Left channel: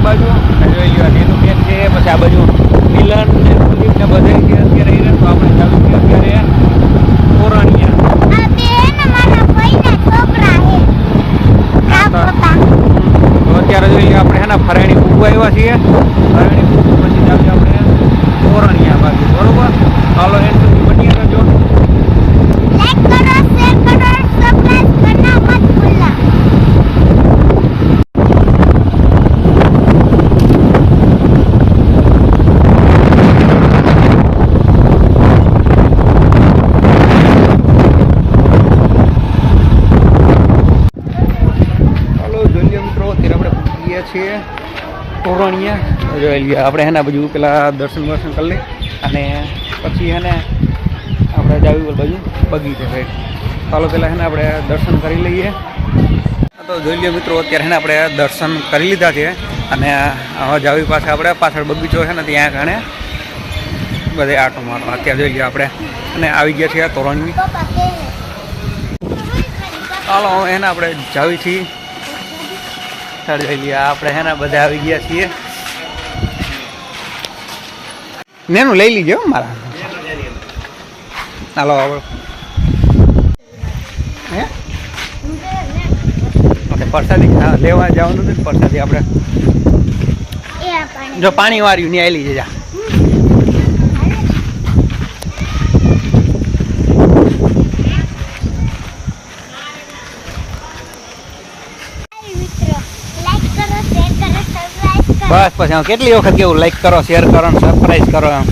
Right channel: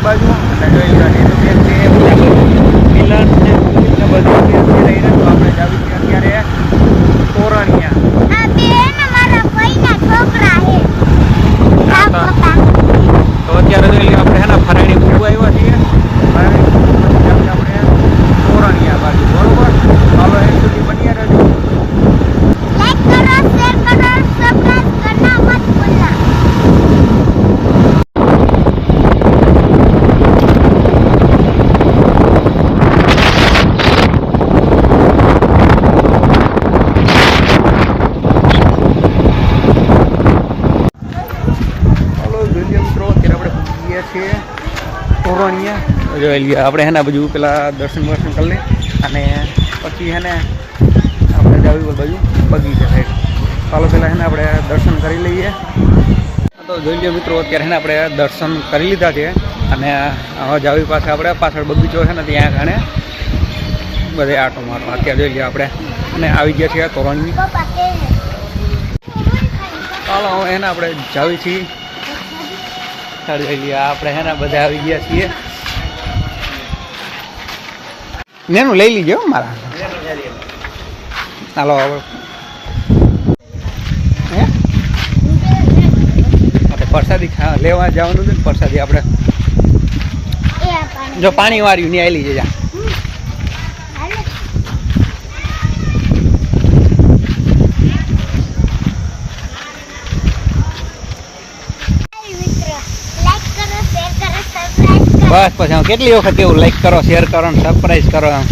આ બાજુ અને જોઈ લ્યો નેનુબેન છે પછી આ બાજુ મિલન ને સુમિત ને બધે છે અત્યારે રહી તો આપણે જાવી છીએ અત્યારે તોરણિયા. તો- અત્યારે જોઈ લઈએ આપણે હેના ફરાણી કુકુ આવ્યા છીએ. ફરાણી કુકુ પછી જાવી આપણે તોરણિયા બાજુ બરોબર? ચાલો એન્ડ સુધી બની રહેજો લાઈક કરો શેર કરો સબસ્ક્રાઇબ કરना મત ભૂલना ચાલો જોઈ મિત્રો, અત્યારે આપણે પૂછી ગયા છીએ તોરણીએ જોઈ લઈએ આપણે હેના બાજુ પેલા દર્શન વર્શન કરી લઈએ અને પછી હેને આપણે જાવી બાજુ બગીચે સાઈડ ચાલો પહેલાં હેને આપણે દર્શન કરી લઈએ. તો જોઈ લઈએ મિત્રો, અત્યારે હેને આપણે દર્શન કરી લીધા છે અને હવે જાવી પાસે આપણે પાછળ બગીચો છે ને ત્યાં કારણે બધે આટો મારો. અત્યારે જોઈ લઈએ આપણે. અને આવી ગયા છીએ તોરણની. ચાલો એને આપણે જાવી છીએ. ચાલ જોઈ લઈએ. આપણે હેના બધા આવી ગયા છીએ. નેનું લઈ લીજો મારા હાલો હે? આપણે પ્રસાદી લેવા જવાનું હતું ને પરસાદી આપણે. જો પાણી વાળ્યું ને આવેલી જા હાય મિત્રો લાઈક કરો શેર કરો સબસ્ક્રાઇબ કરો બસ પછી આમ કેટલી વખત કેવું લાઈક કરો શેર કરો ને સરપ્રાઈઝ કરો એમ.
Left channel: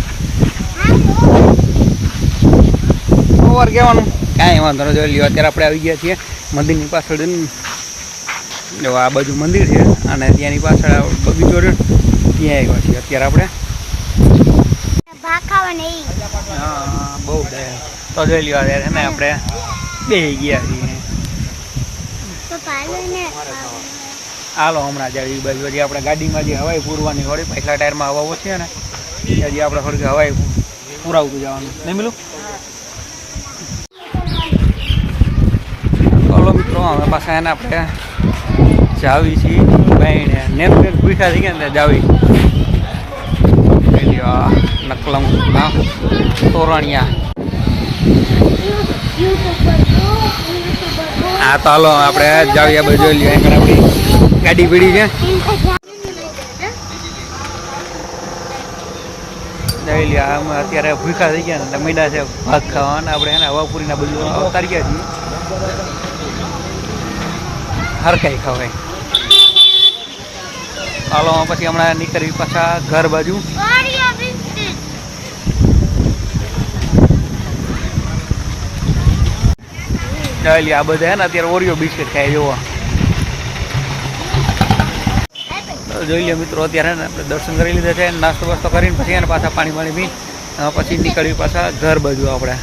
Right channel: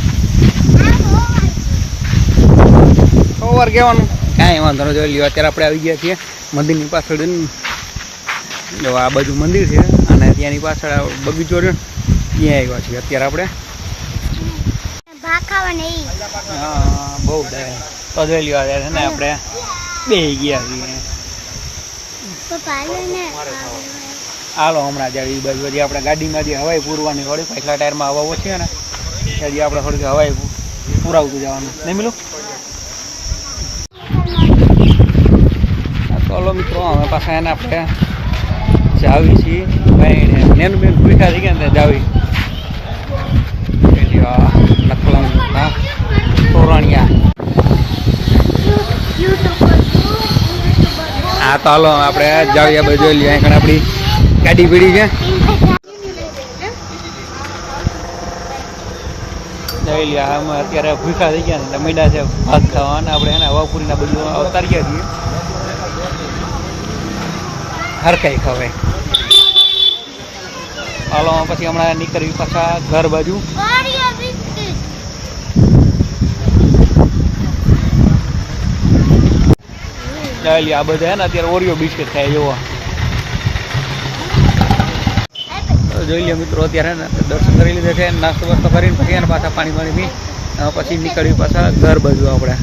ઓવર કહેવાનું? કાંઈ વાંધો ન જોઈ લ્યો અત્યારે આપણે આવી ગયા છીએ મંદિરની પાછળ જો આ બાજુ મંદિર છે અને ત્યાંની પાછળ બગીચો રહ્યો ત્યાં આવ્યા છીએ અત્યારે આપણે. હા, બહુ તો જોઈ લ્યો અત્યારે છે ને આપણે બે ગયા છીએ. હાલો હમણાં જ આવી બાજુ. હજી આપણે ગાડીમાં જે હવાઈ પૂરવાની હોય પાછલા ટાયરમાં હવા ઓછી છે ને હજી આપણે થોડીક હવાઈ પૂરાવતું જવાનું. નહીં મિલું? ચાલો મિત્રો અમે પાછા એને આપણે જાવી છીએ. ભાઈને નેન બેન ભૂખા થઈ ગયા ને જાવી. નકલમ ના તોરણિયા. હા તો હાલો આપણે જાવીએ આ બાજુ લઈએ અહીં આપણી ગાડી પીડી છે. અમે અત્યારે ભૂખા થઈ ગયા ને મૈડા છે ભાત ખાવાના. આપણે એને હવાપુરીના બધું અવતારી ગયા છીએ. હરકાઈ ખવાય હાલો પછી હમણાં નીકળવી પાછા ઘર બાજુ. આ બધા ને અત્યારે ઓરિયો બિસ્કિટ ખાય જોવા તો જોઈ લઈએ મિત્રો, અત્યારે દર્શન કરી લીધા છે, નાસ્તો વાસ્તો કરીને પછી એને પાછા પાણી પાણી પી પછી નીકળ્યું પાછા ઘર બાજુ આપણે.